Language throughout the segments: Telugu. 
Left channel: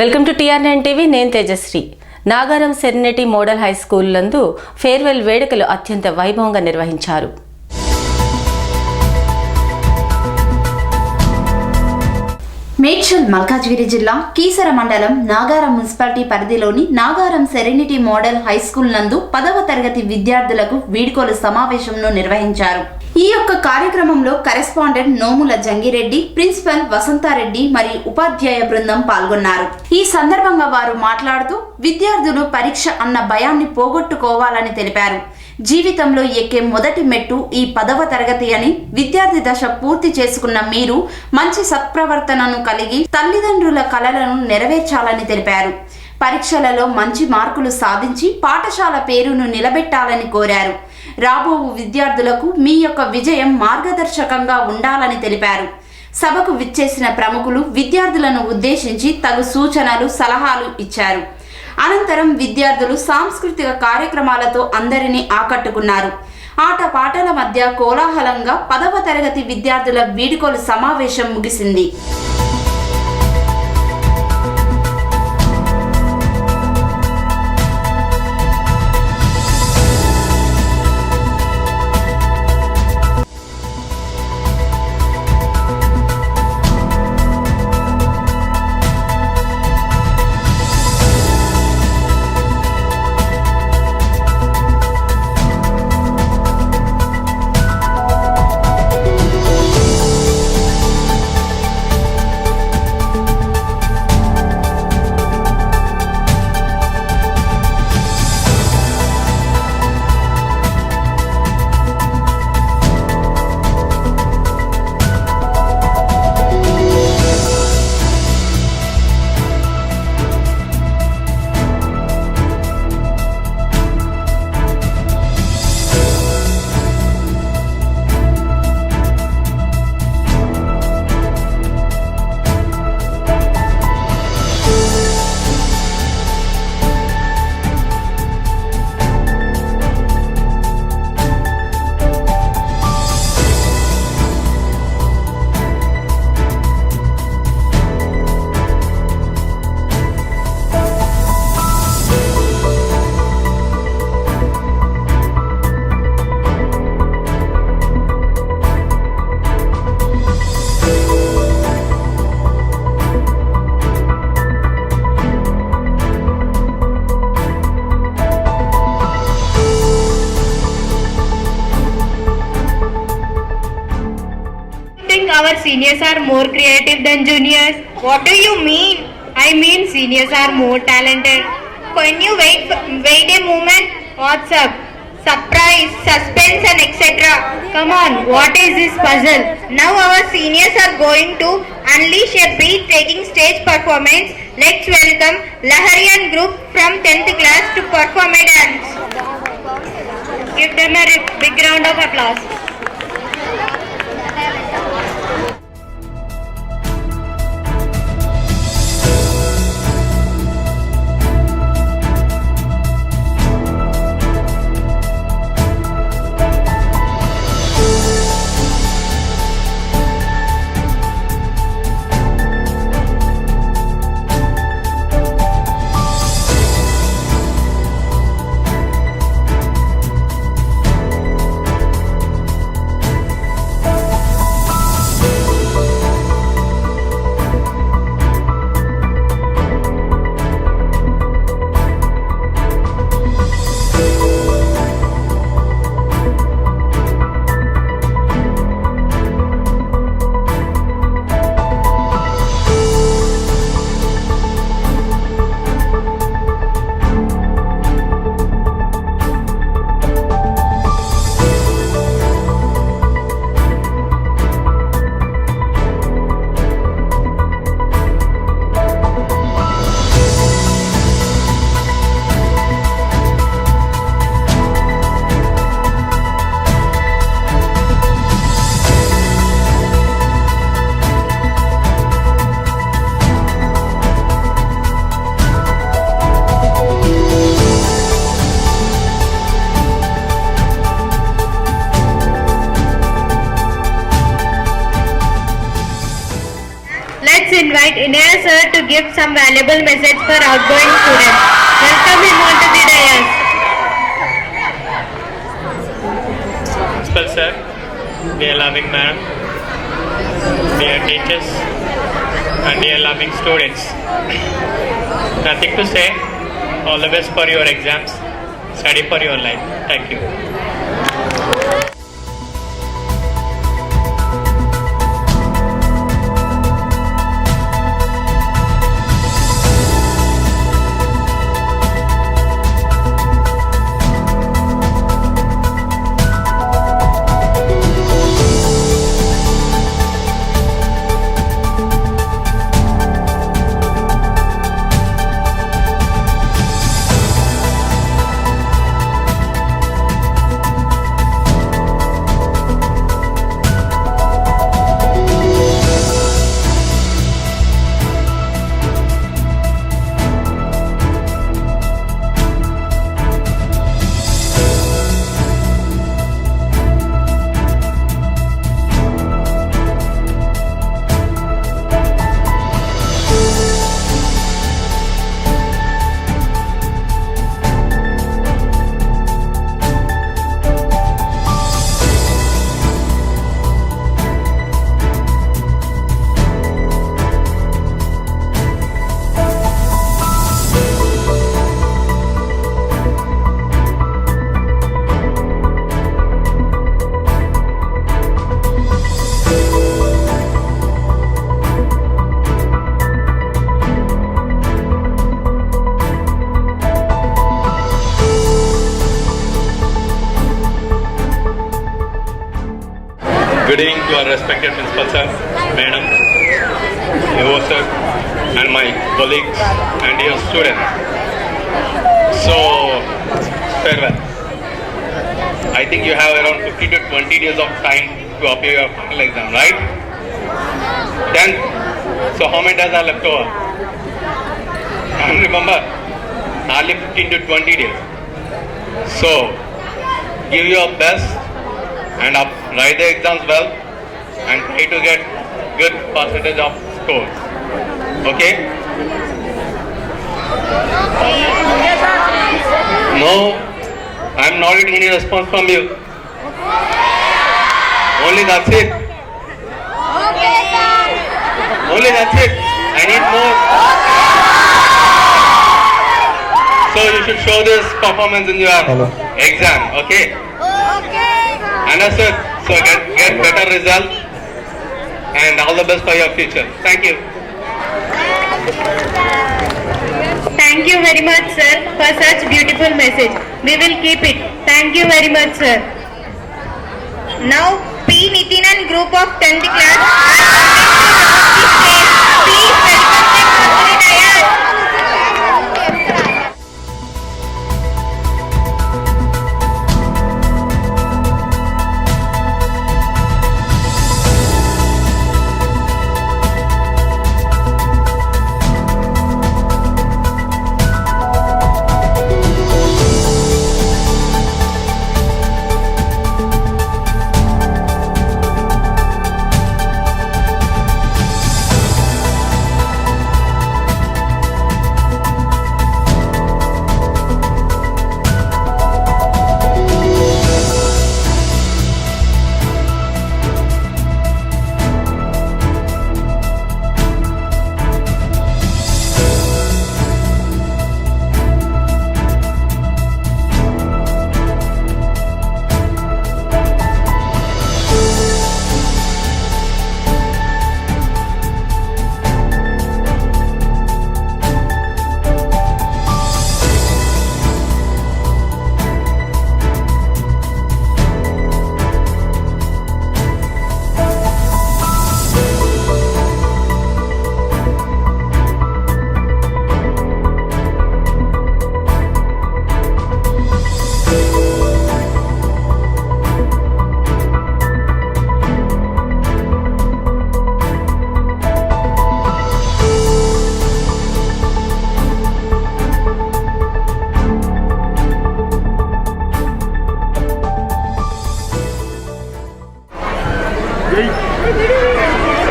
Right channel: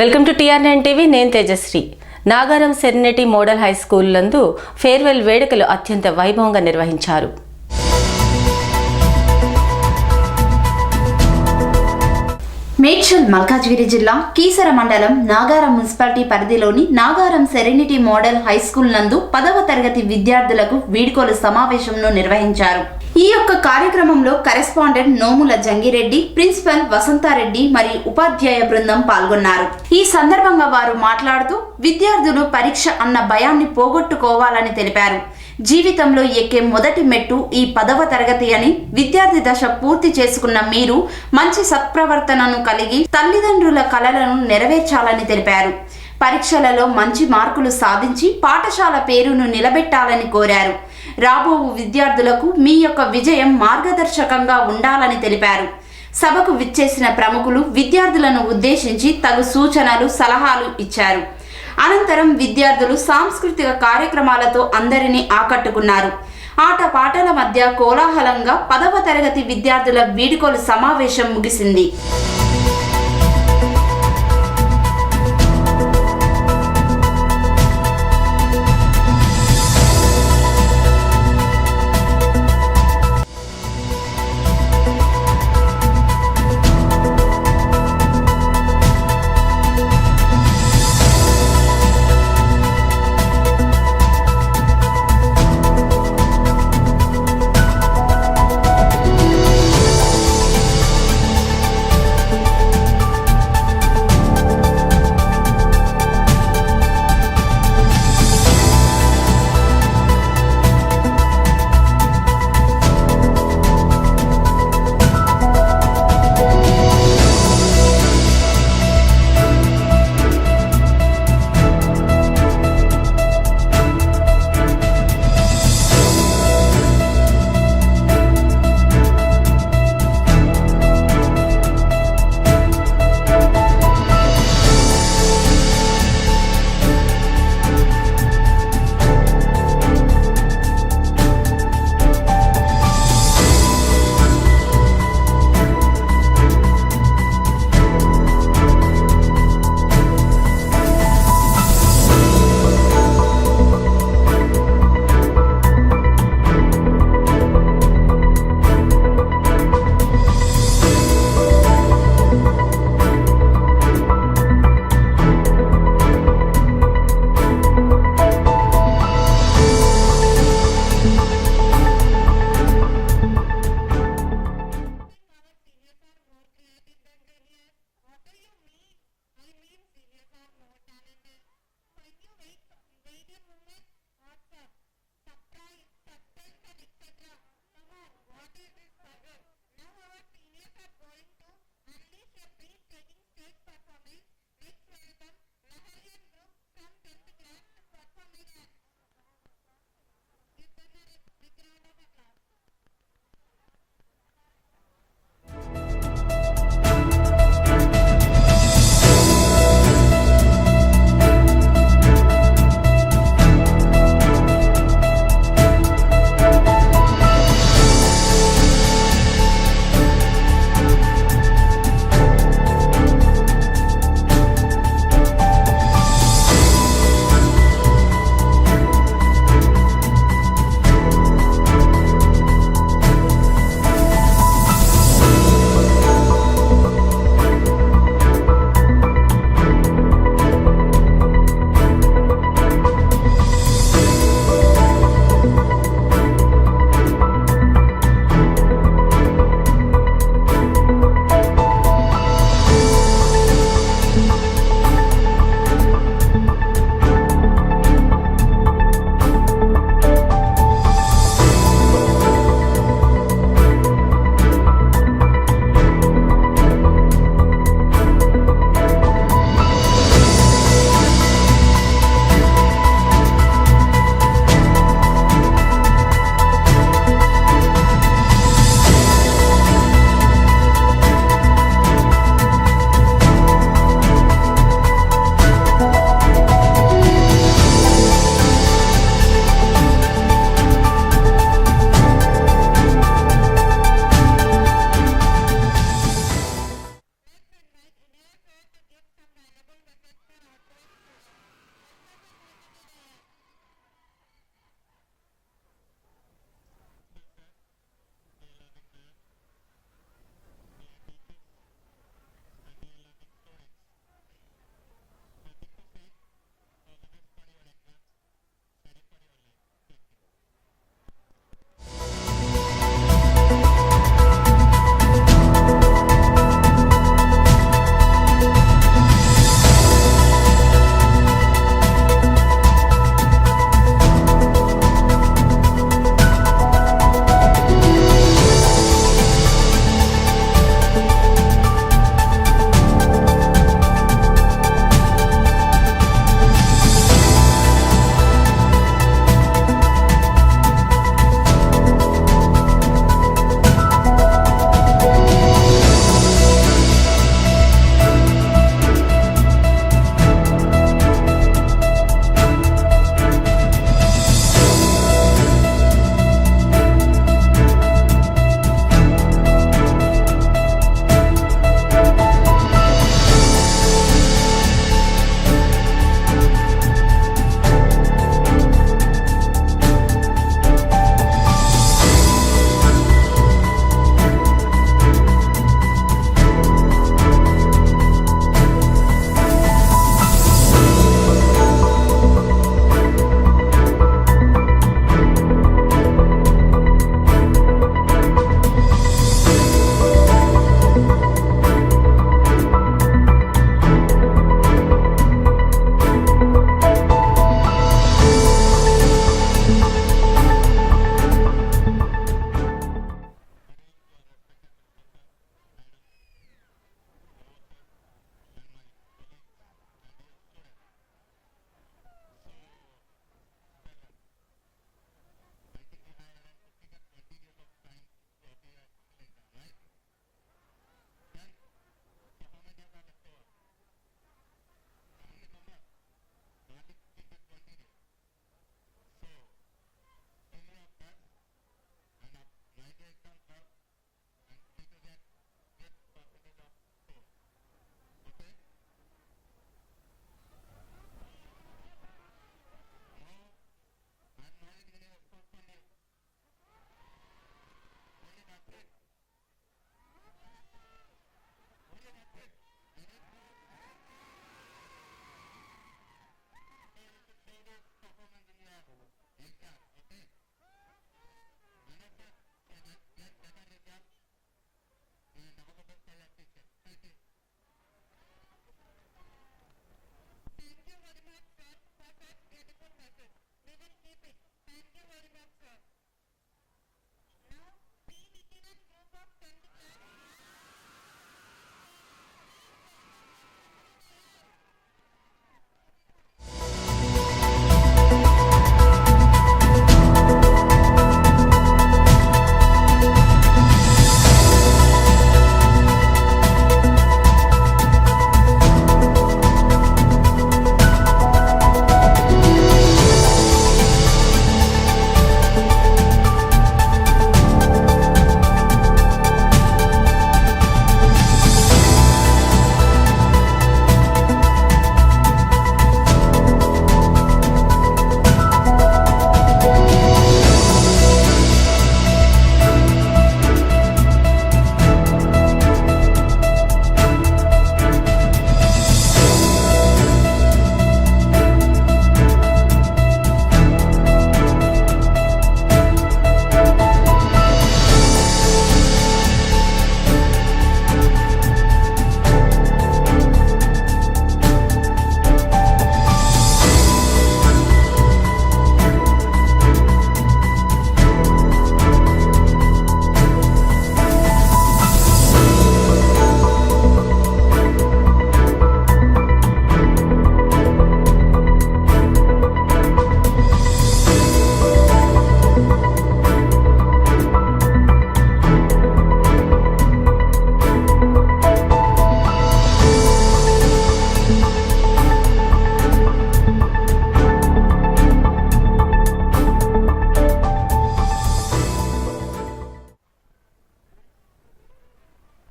Welcome to TR9 TV. నేను Tejashri. Nagaram serenity model high school నందు ఫేర్వెల్ వేడుకలు అత్యంత వైభవంగా నిర్వహించారు. మేడ్చల్ మల్కాజ్గిరి జిల్లా కీసర మండలం నాగారం మున్సిపాలిటీ పరిధిలోని Nagaram serenity model high school నందు 10వ తరగతి విద్యార్థులకు వీడ్కోలు సమావేశంను నిర్వహించారు. ఈ యొక్క కార్యక్రమంలో కరెస్పాండెంట్ నోముల జంగిరెడ్డి, ప్రిన్సిపల్ వసంతారెడ్డి మరియు ఉపాధ్యాయ బృందం పాల్గొన్నారు. ఈ సందర్భంగా వారు మాట్లాడుతూ విద్యార్థులు పరీక్ష అన్న భయాన్ని పోగొట్టుకోవాలని తెలిపారు. జీవితంలో ఎక్కే మొదటి మెట్టు ఈ 10వ తరగతి అని, విద్యార్థి దశ పూర్తి చేసుకున్న మీరు మంచి సత్ప్రవర్తనను కలిగి తల్లిదండ్రుల కలలను నెరవేర్చాలని తెలిపారు. పరీక్షలలో మంచి మార్కులు సాధించి పాఠశాల పేరును నిలబెట్టాలని కోరారు. రాబో విద్యార్థులకు మీ యొక్క విజయం మార్గదర్శకంగా ఉండాలని తెలిపారు. సభకు విచ్చేసిన ప్రముఖులు విద్యార్థులను ఉద్దేశించి తగు సూచనలు, సలహాలు ఇచ్చారు. అనంతరం విద్యార్థులు సాంస్కృతిక కార్యక్రమాలతో అందరినీ ఆకట్టుకున్నారు. ఆటపాటల మధ్య కోలాహలంగా 10వ తరగతి విద్యార్థుల వీడ్కోలు సమావేశం ముగిసింది. Our seniors are more creative than juniors. What do you mean? I mean seniors are more talented. Can you wait a moment? What's up? Surprise, suspense and etc. Come on, what is this puzzle? Now our seniors are going to unleash a breathtaking stage performance. Let's welcome Laharian group from 10th class to perform a dance. Give them a big round of applause. give some valuable message for outgoing students. Welcome him onto the dais. Principal sir, dear loving ma'am, dear teachers, and dear loving students. Nothing to say. All the best for your exams. Study for your life. Thank you. Good evening to our respected principal sir, madam, Evo sir, and my colleagues and dear students. So, farewell. I think you have around 15 to 20 days of time to appear your final exam, right? Then, so how many days are left over? And remember, hardly 15 to 20 days. So, give your best and write the exams well and try to get good percentage of scores. Okay? No, I'm not getting any response from you. Only that's it. Only that's it. I need more. So you should show this performance in your exam. Okay? Understood? So get better result and all the best for your future. Thank you. Thank you very much, sir, for such beautiful message. We will keep it. Thank you very much, sir. Now, P. Nithinan group of 10th class are coming to the stage. Please welcome them onto the dais.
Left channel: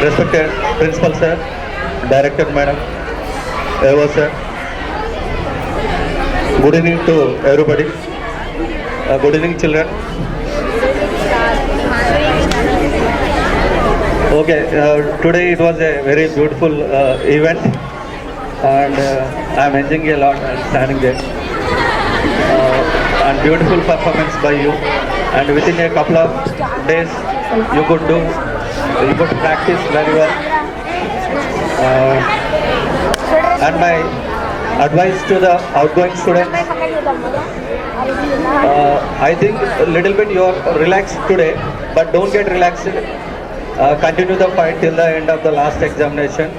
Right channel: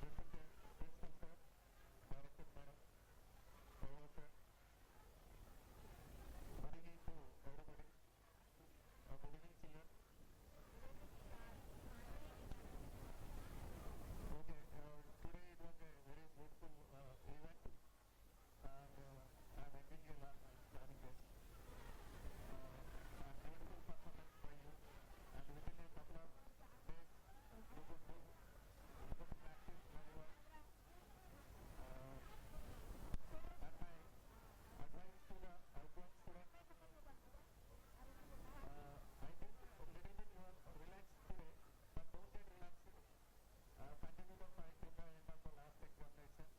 Respected Principal Sir, Director Madam, Eva sir. Good evening to everybody. Good evening, children. Okay, today it was a very beautiful event, and I'm enjoying a lot and standing there. And beautiful performance by you. And within a couple of days, you could practice very well. And my advice to the outgoing students, I think a little bit you are relaxed today, but don't get relaxed. Continue the fight till the end of the last examination.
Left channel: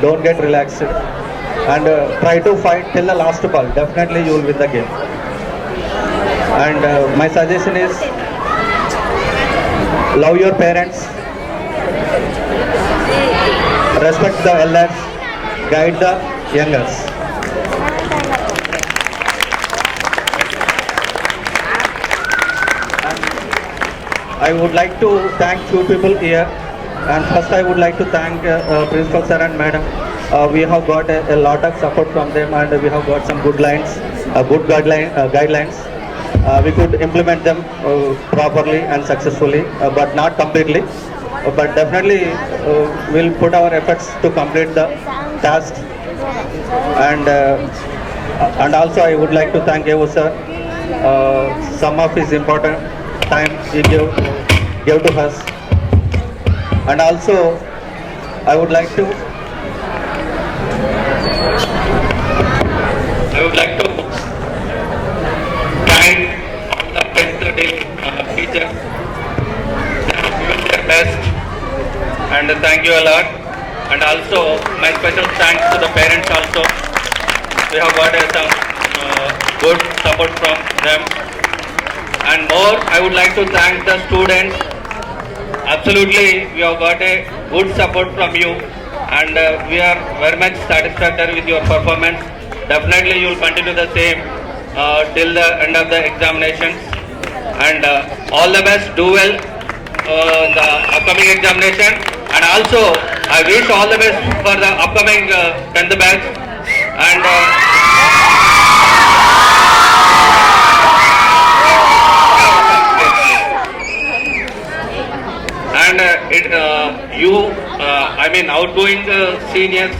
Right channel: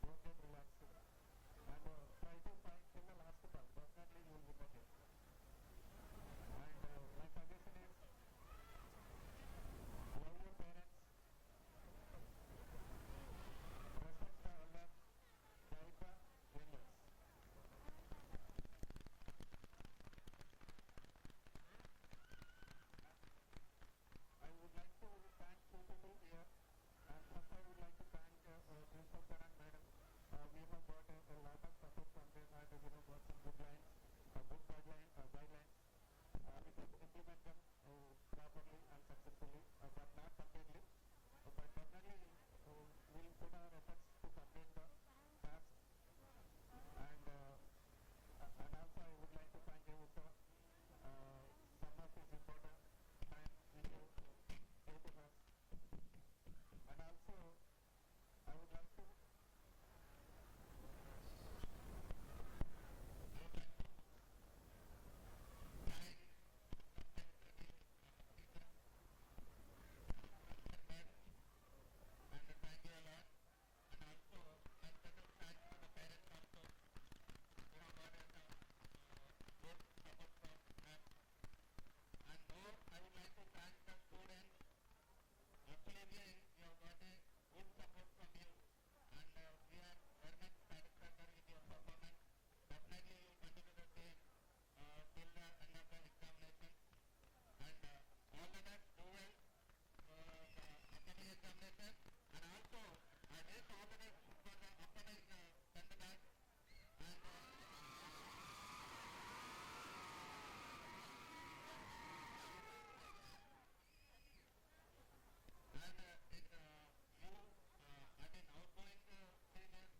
Don't get relaxed, and try to fight till the last ball. Definitely you will win the game. And my suggestion is, love your parents, respect the elders, guide the youngers. And I would like to thank few people here. And first I would like to thank Principal Sir and Madam. We have got a lot of support from them, and we have got some good lines, good guidelines. We could implement them properly and successfully, but not completely. But definitely we'll put our efforts to complete the task. And also I would like to thank Evo sir. Some of his important time he gave to us. And also I would like to thank all the teachers. They have given their best, and thank you a lot. And also my special thanks to the parents also. We have got some good support from them. And more, I would like to thank the students. Absolutely, we have got a good support from you, and we are very much satisfied with your performance. Definitely you will continue the same till the end of the examinations. And all the best, do well the upcoming examination. And also I wish all the best for the upcoming 10th batch. And outgoing seniors,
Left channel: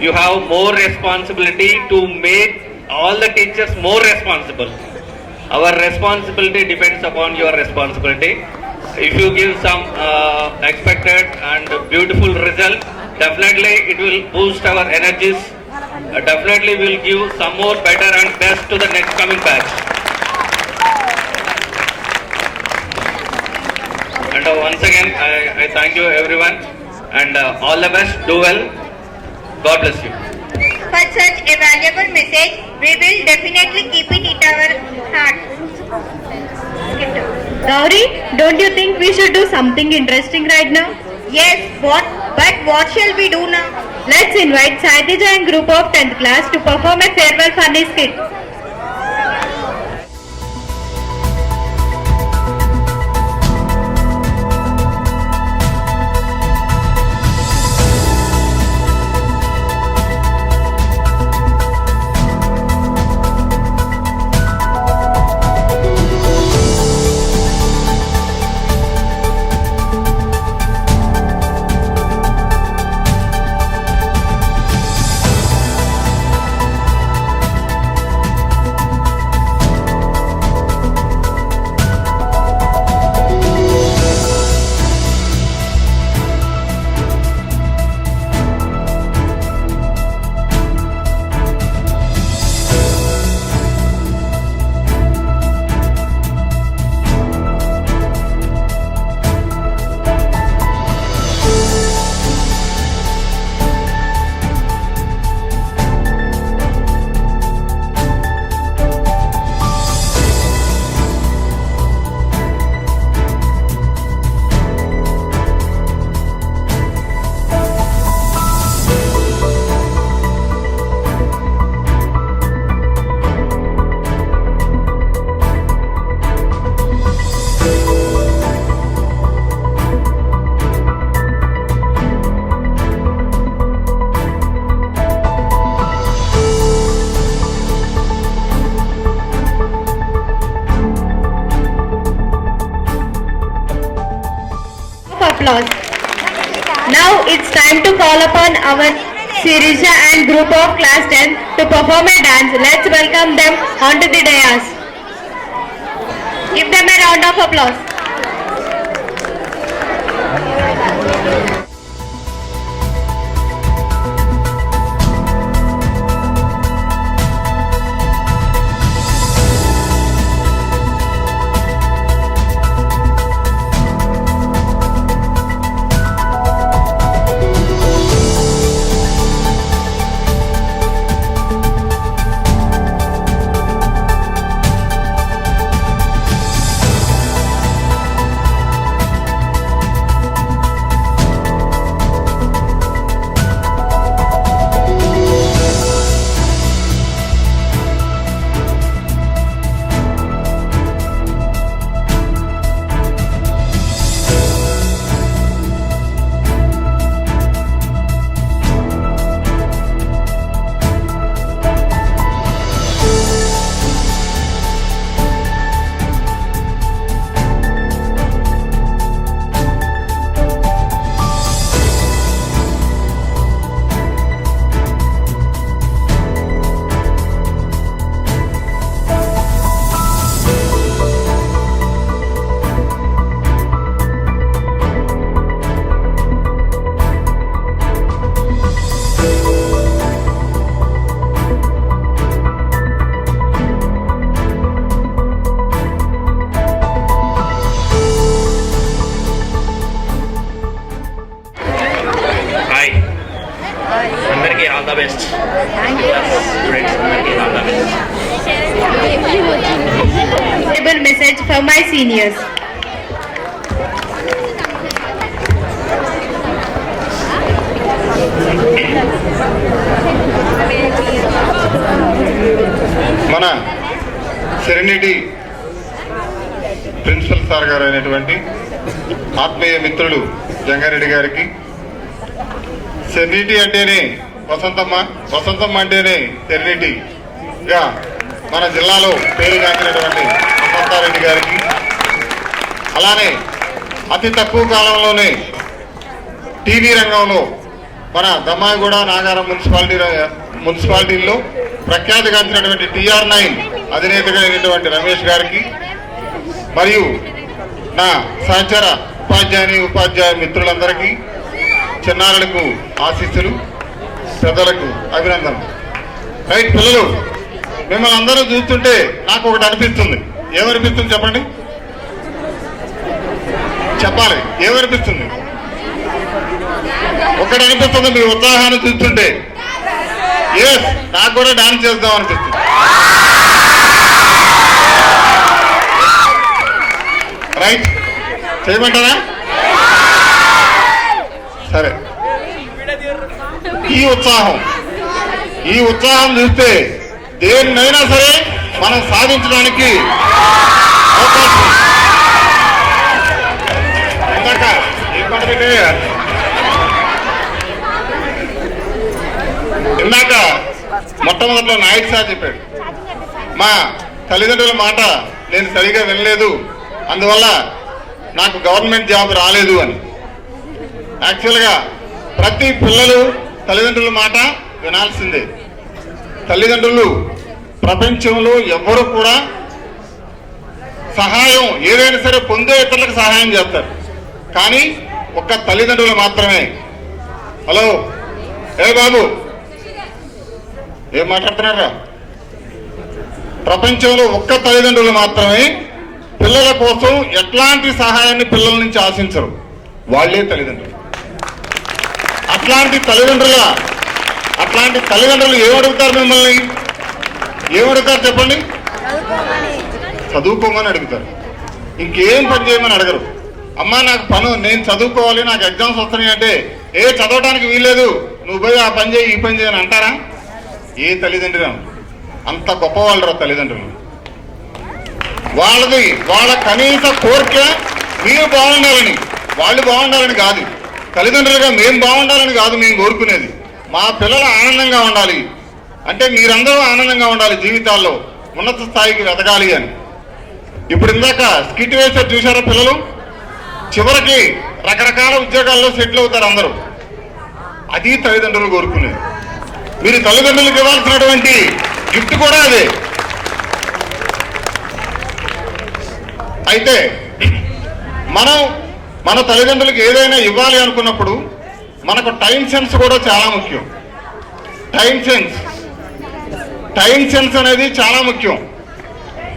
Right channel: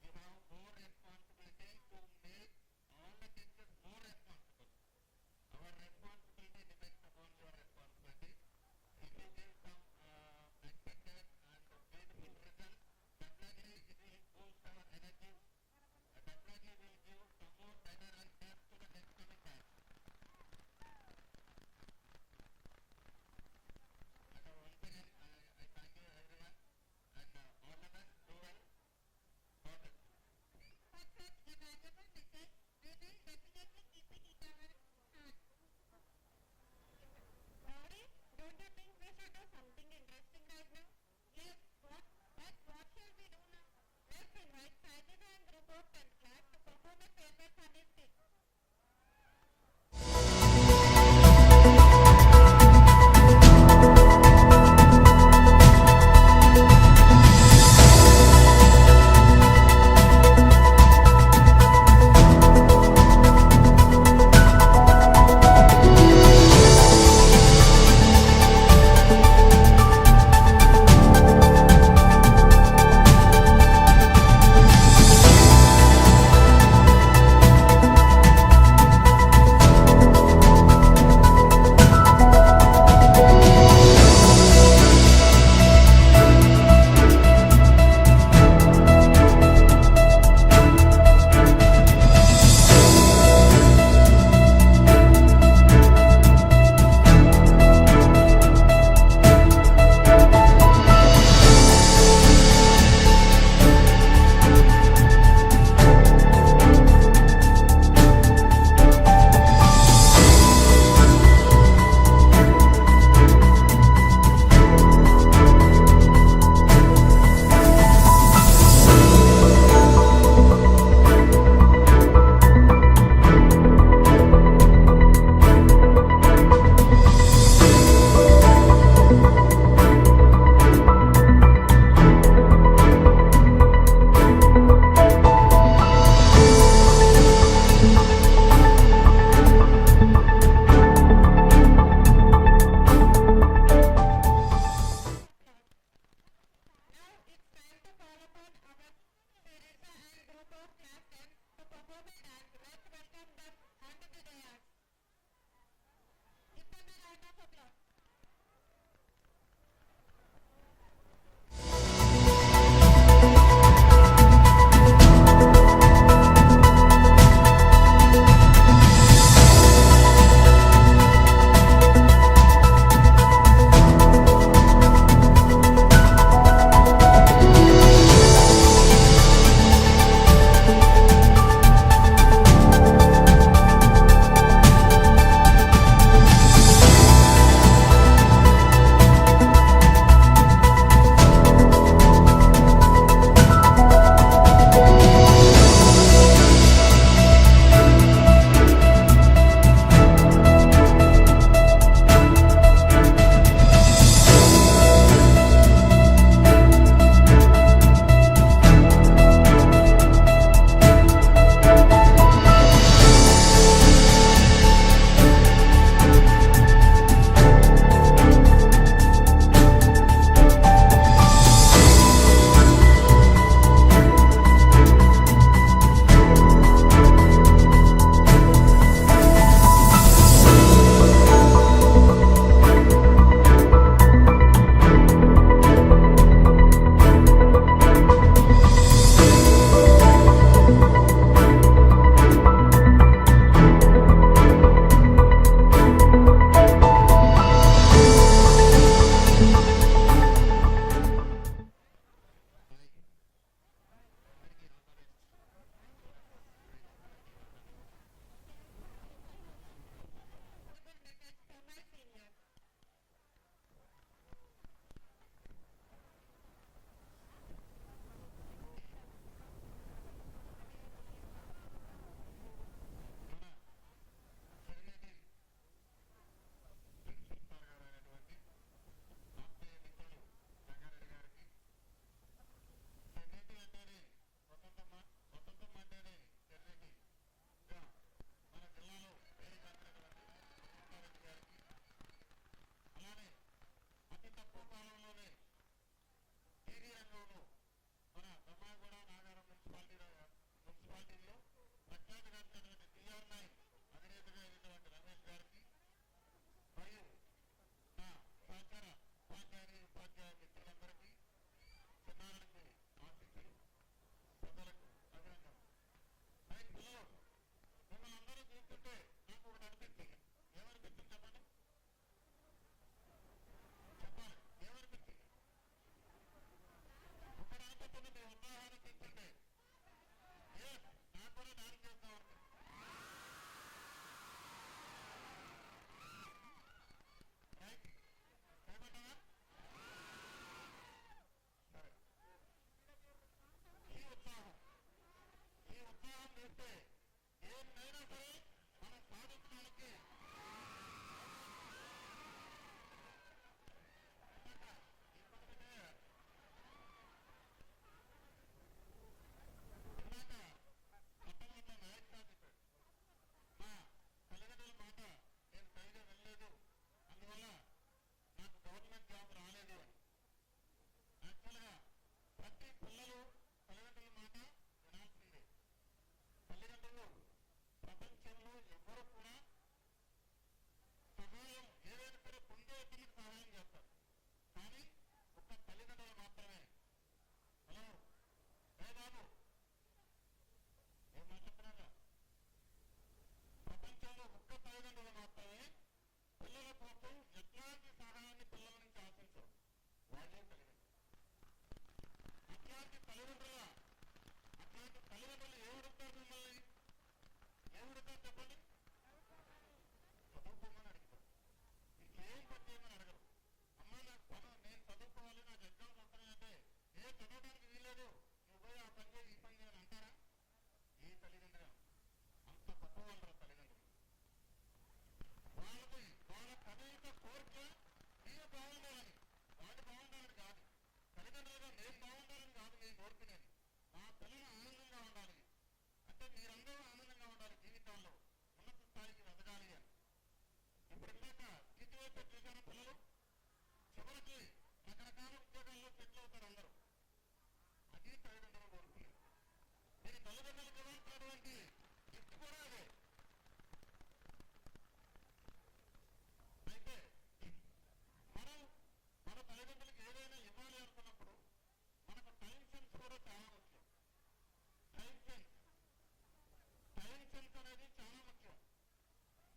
you have more responsibility to make all the teachers more responsible. Our responsibility depends upon your responsibility. If you give some expected and beautiful result, definitely it will boost our energies. Definitely will give some more better and best to the next coming batch. And once again, I thank you everyone, and all the best, do well. God bless you. For such a valuable message, we will definitely keep it in our heart. Gauri, don't you think we should do something interesting right now? Yes, but what shall we do now? Let's invite Saidija and group of 10th class to perform a farewell funny skit. applause. Now it's time to call upon our Sirisha and group of class 10 to perform a dance. Let's welcome them onto the dais. Give them a round of applause. all the best. Thank you. All the best. Message for my seniors. మన సెరెనిటీ ప్రిన్సిపల్ సార్ గారు అయినటువంటి ఆత్మీయ మిత్రులు జంగారెడ్డి గారికి, సెరెనిటీ అంటేనే వసంతమ్మ, వసంతమ్మ అంటేనే సెరెనిటీగా మన జిల్లాలో పేరుగాంచినటువంటి వసంతారెడ్డి గారికి, అలానే అతి తక్కువ కాలంలోనే టీవీ రంగంలో మన దమ్మాయిగూడ నాగారం మున్సిపాలిటీల్లో ప్రఖ్యాతిగాంచినటువంటి TR9 అధినేతగా అయినటువంటి రమేష్ గారికి, మరియు నా సహచర ఉపాధ్యాయ మిత్రులందరికీ, చిన్నారులకు ఆశీస్సులు, పెద్దలకు అభినందనలు. రైట్ పిల్లలు, మిమ్మల్ని అందరూ చూస్తుంటే నాకు ఒకటి అనిపిస్తుంది. ఏమనిపిస్తుంది చెప్పండి, చెప్పాలి. ఏమనిపిస్తుంది? ఒకటి అనిపిస్తుంది మీ ఉత్సాహాన్ని చూస్తుంటే. ఎస్, నాకు కూడా డాన్స్ చేద్దాం అనిపిస్తుంది. రైట్, చేయమంటారా? సరే, ఈ ఉత్సాహం చూస్తే దేన్నైనా సరే మనం సాధించడానికి అవకాశం. ఇందాక ఏం మాట పెట్టాయా? ఇందాక మొట్టమొదటిలో నాయక్ సార్ చెప్పాడు, మా తల్లిదండ్రుల మాట నేను సరిగా వినలేదు, అందువల్ల నాకు గవర్నమెంట్ జాబ్ రాలేదు అని. యాక్చువల్గా ప్రతి పిల్లలు తల్లిదండ్రుల మాట వినాల్సిందే. తల్లిదండ్రులు ప్రపంచంలో ఎవ్వరూ కూడా సహాయం ఏదైనా సరే పొందే ఇతరులకు సహాయం చేస్తారు, కానీ ఒక్క తల్లిదండ్రులు మాత్రమే. హలో, ఏ బాబు ఏం మాట్లాడుతున్నారా? ప్రపంచంలో ఒక్క తల్లిదండ్రులు మాత్రమే పిల్లల కోసం ఎట్లాంటి సహాయాన్ని పిల్లల నుంచి ఆశించరు, వాళ్ళే తల్లిదండ్రులు. అట్లాంటి తల్లిదండ్రులు ఏమడుగుతారు? మిమ్మల్ని ఏమడుగుతారు చెప్పండి? చదువుకోమని అడుగుతారు, ఇంకేం పని చేయమని అడగరు. అమ్మా నాకు నేను చదువుకోవాలి, నాకు ఎగ్జామ్స్ వస్తున్నాయి అంటే, చదవడానికి వీల్లేదు, నువ్వు పోయి ఆ పని చేయి ఈ పని చేయని అంటారా? ఏ తల్లిదండ్రులు అంత గొప్పవాళ్ళరా తల్లిదండ్రులు. వాళ్ళ కనీస కోరిక మీరు బాగుండాలని, వాళ్ళు బాగుండాలని కాదు. తల్లిదండ్రులుగా మేము బాగుండాలని కాదు మేము కోరుకునేది, మా పిల్లలు ఆనందంగా ఉండాలి అంటే మీరందరూ ఆనందంగా ఉండాలి, జీవితాల్లో ఉన్నత స్థాయికి ఎదగాలి అని. ఇప్పుడు ఇందాక స్కిట్ వేసారు చూసారా పిల్లలు? చివరికి రకరకాల ఉద్యోగాల్లో సెటిల్ అవుతారు అందరూ. అది తల్లిదండ్రులు కోరుకునేది. మీరు తల్లిదండ్రులకు ఇవ్వాల్సినటువంటి గిఫ్ట్ కూడా అదే. అయితే మనం మన తల్లిదండ్రులకు ఏదైనా ఇవ్వాలి అనుకున్నప్పుడు మనకు టైం సెన్స్ కూడా చాలా ముఖ్యం. టైం సెన్స్ అనేది చాలా ముఖ్యం.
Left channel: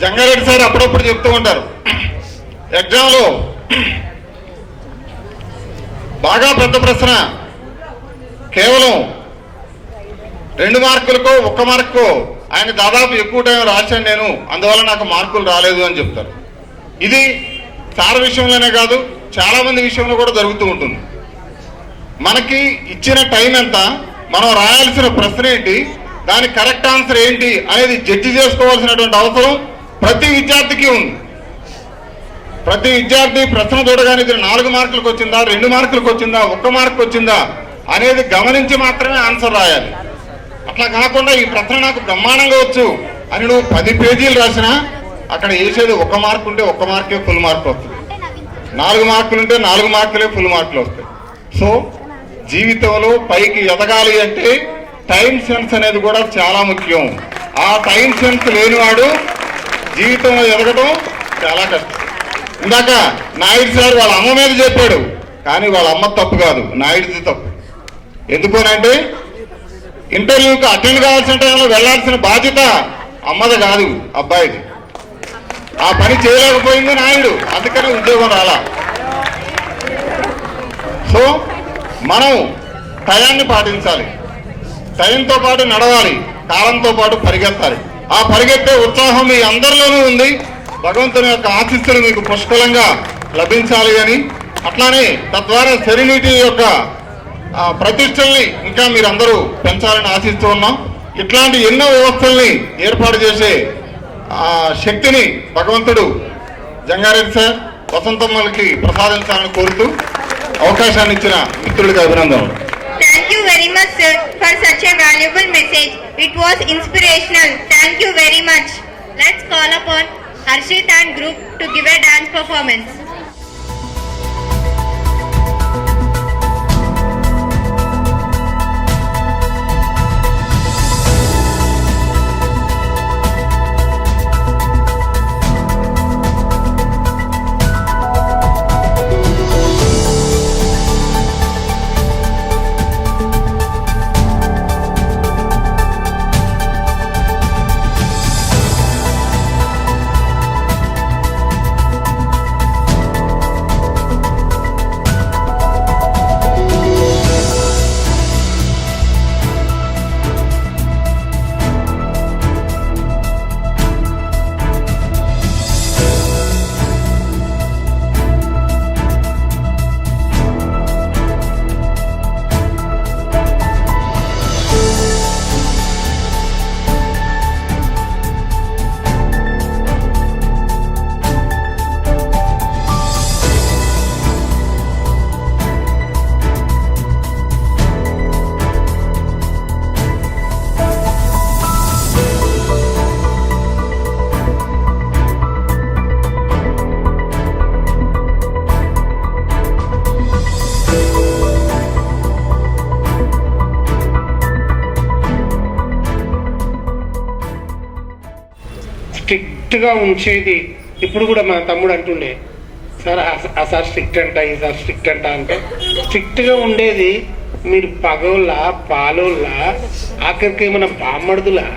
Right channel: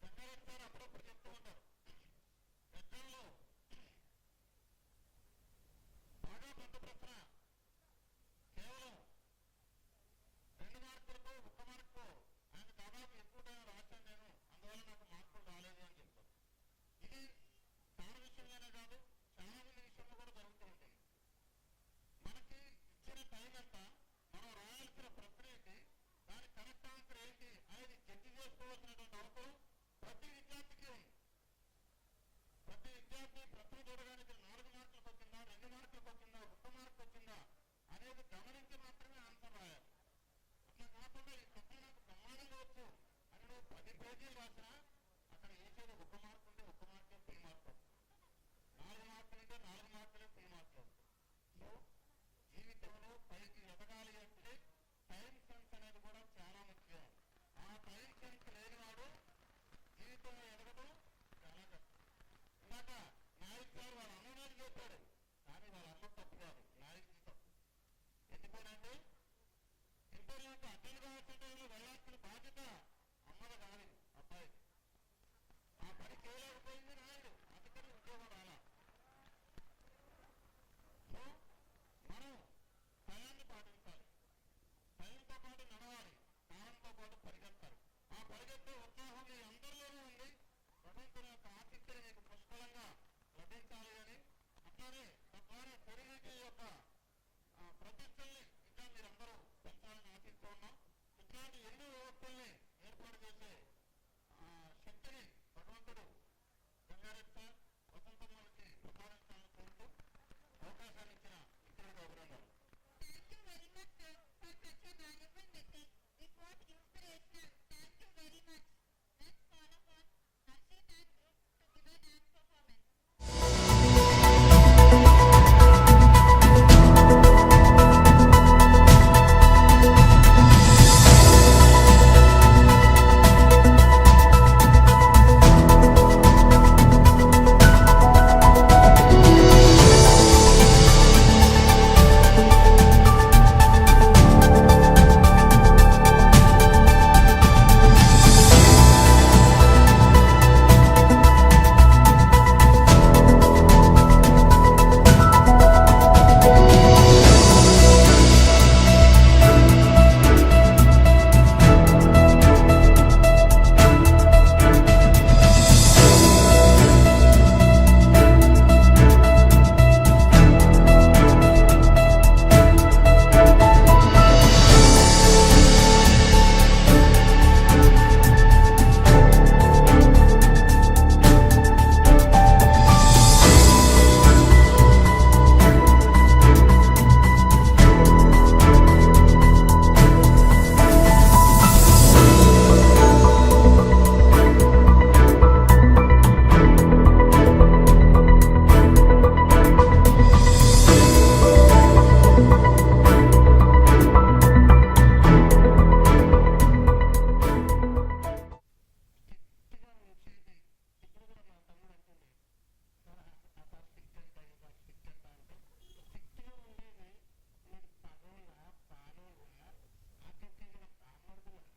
జంగారెడ్డి సార్ అప్పుడప్పుడు చెప్తూ ఉంటారు, ఎగ్జామ్లో బాగా పెద్ద ప్రశ్న కేవలం 2 మార్కులకో 1 మార్కో ఆయన దాదాపు ఎక్కువ టైం రాశాను నేను, అందువల్ల నాకు మార్కులు రాలేదు అని చెప్తారు. ఇది సార్ విషయంలోనే కాదు, చాలా మంది విషయంలో కూడా జరుగుతూ ఉంటుంది. మనకి ఇచ్చిన టైం ఎంత, మనం రాయాల్సిన ప్రశ్న ఏంటి, దాని కరెక్ట్ ఆన్సర్ ఏంటి అనేది జడ్జి చేసుకోవాల్సినటువంటి అవసరం ప్రతి విద్యార్థికి ఉంది. ప్రతి విద్యార్థి ప్రశ్న చూడగానే ఇది 4 మార్కులకు వచ్చిందా, 2 మార్కులకు వచ్చిందా, 1 మార్కు వచ్చిందా అనేది గమనించి మాత్రమే ఆన్సర్ రాయాలి. అట్లా కాకుండా ఈ ప్రశ్న నాకు బ్రహ్మాండంగా వచ్చు అని నువ్వు 10 పేజీలు రాసినా అక్కడ వేసేది 1 మార్కు ఉంటే 1 మార్కే ఫుల్ మార్క్ వస్తుంది, 4 మార్కులు ఉంటే 4 మార్కులే ఫుల్ మార్కులు వస్తాయి. సో జీవితంలో పైకి ఎదగాలి అంటే టైం సెన్స్ అనేది కూడా చాలా ముఖ్యం. ఆ టైం సెన్స్ లేనివాడు జీవితంలో ఎదగడం చాలా కష్టం. ఇందాక నాయుడు సార్ వాళ్ళ అమ్మ మీద చెప్పాడు, కానీ వాళ్ళ అమ్మ తప్పు కాదు, నాయుడిది తప్పు. ఎందుకోనంటే ఇంటర్వ్యూకి అటెండ్ కావాల్సిన టైంలో వెళ్లాల్సిన బాధ్యత అమ్మది కాదు, అబ్బాయిది. ఆ పని చేయలేకపోయింది నాయుడు, అందుకనే ఉద్యోగం రాలా. సో మనం టయాన్ని పాటించాలి, టైంతో పాటు నడవాలి, కాలంతో పాటు పరిగెత్తాలి. ఆ పరిగెత్తే ఉత్సాహం మీ అందరిలోనూ ఉంది. భగవంతుని యొక్క ఆశీస్సులు మీకు పుష్కలంగా లభించాలి అని, అట్లానే తద్వారా సెరెనిటీ యొక్క ప్రతిష్టల్ని ఇంకా మీరందరూ పెంచాలని ఆశిస్తూ ఉన్నాం. ఇట్లాంటి ఎన్నో వ్యవస్థల్ని ఏర్పాటు చేసే శక్తిని భగవంతుడు జంగారెడ్డి సార్, వసంతమ్మలకి ప్రసాదించాలని కోరుతూ అవకాశాన్ని ఇచ్చిన మిత్రుడికి అభినందనలు. Thank you very much, sir, for such a valuable message. It was inspirational. Thank you very much. Let's call upon Harshit and group to give a dance performance. స్ట్రిక్ట్గా ఉంచేది. ఇప్పుడు కూడా మా తమ్ముడు అంటుండే, సార్ ఆ సార్ స్ట్రిక్ట్ అంట, ఈ సార్ స్ట్రిక్ట్ అంట అంటే, స్ట్రిక్ట్గా ఉండేది మీరు పగోళ్ళ పాలోళ్ళ, ఆఖరికి ఏమైనా బామ్మడుదులా,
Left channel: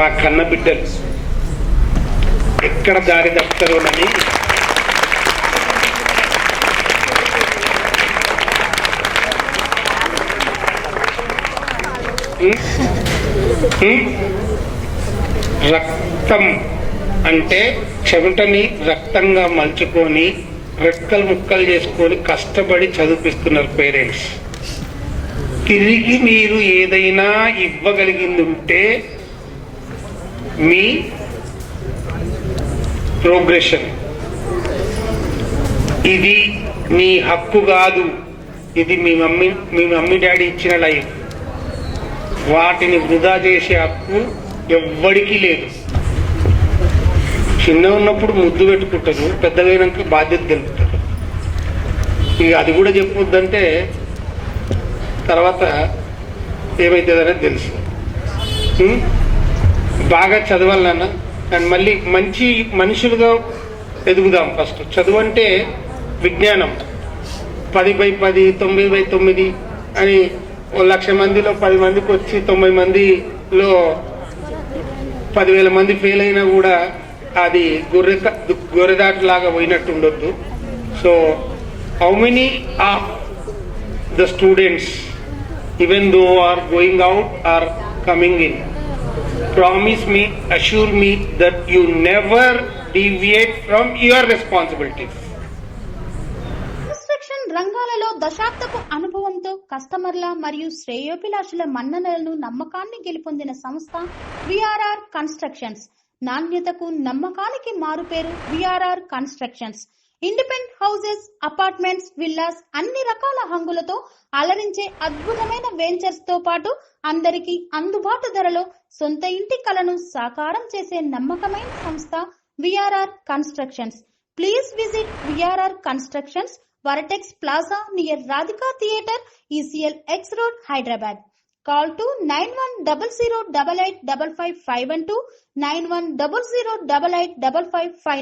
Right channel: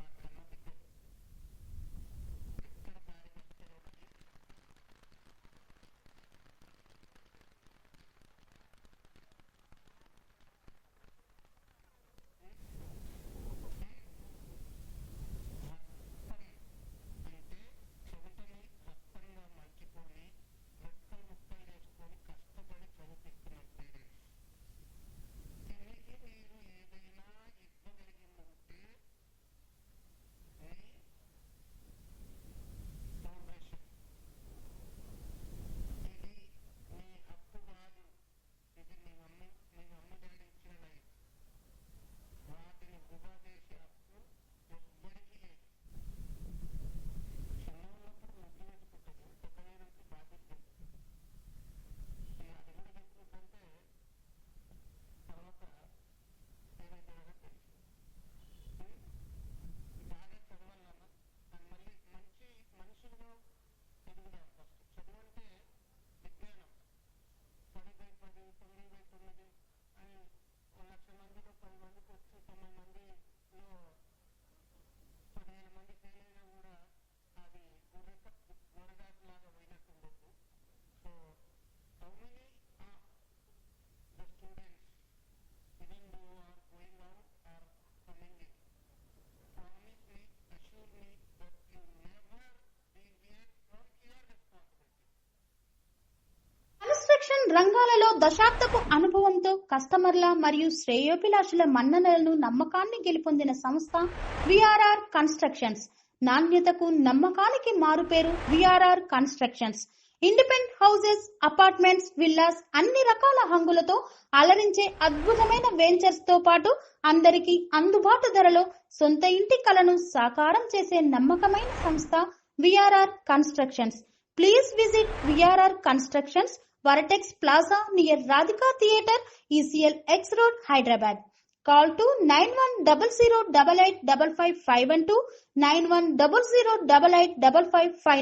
మా కన్న బిడ్డలు ఎక్కడ దారి తప్పుతారోనని రక్తం అంటే చెమటని రక్తంగా మలుచుకొని రెక్కలు ముక్కలు చేసుకొని కష్టపడి చదివిస్తున్నారు పేరెంట్స్. తిరిగి మీరు ఏదైనా ఇవ్వగలిగింది ఉంటే మీ ప్రోగ్రెషన్. ఇది మీ హక్కు కాదు, ఇది మీ మమ్మీ డాడీ ఇచ్చిన లైఫ్. వాటిని వృధా చేసే హక్కు ఎవ్వడికి లేదు. చిన్న ఉన్నప్పుడు ముద్దు పెట్టుకుంటారు, పెద్దగా అయినాక బాధ్యత తెలుపుతారు. ఇక అది కూడా చెప్పొద్దంటే తర్వాత ఏమవుతుందనేది తెలుసు. బాగా చదవాలన్న అండ్ మళ్ళీ మంచి మనుషులుగా ఎదుగుదాం. ఫస్ట్ చదువు అంటే విజ్ఞానం. 10/10, 9/9 అని 1,00,000 మందిలో 10 మందికి వచ్చి 90 మందిలో 10,000 మంది ఫెయిల్ అయినా కూడా అది గొర్రెదాటులాగా పోయినట్టు ఉండొద్దు. So how many of the students even though are going out or coming in, promise me, assure me that you never deviate from your responsibilities. Construction రంగాలలో దశాబ్దపు అనుభవంతో కస్టమర్ల మరియు శ్రేయోభిలాషుల మన్ననలను నమ్మకాన్ని గెలుపొందిన సంస్థ విఆర్ఆర్ కన్స్ట్రక్షన్స్. నాణ్యతకు నమ్మకానికి మారుపేరు VRR constructions. Independent houses, apartments, villas అన్ని రకాల హంగులతో అలరించే అద్భుతమైన వెంచర్స్ తో పాటు అందరికీ అందుబాటు ధరలో సొంత ఇంటి కలను సాకారం చేసే నమ్మకమైన సంస్థ VRR constructions. Please visit VRR constructions, వరటెక్స్ plaza near Radhika theatre, ECL X Road, Hyderabad. Call to 910088555512, 9100885555.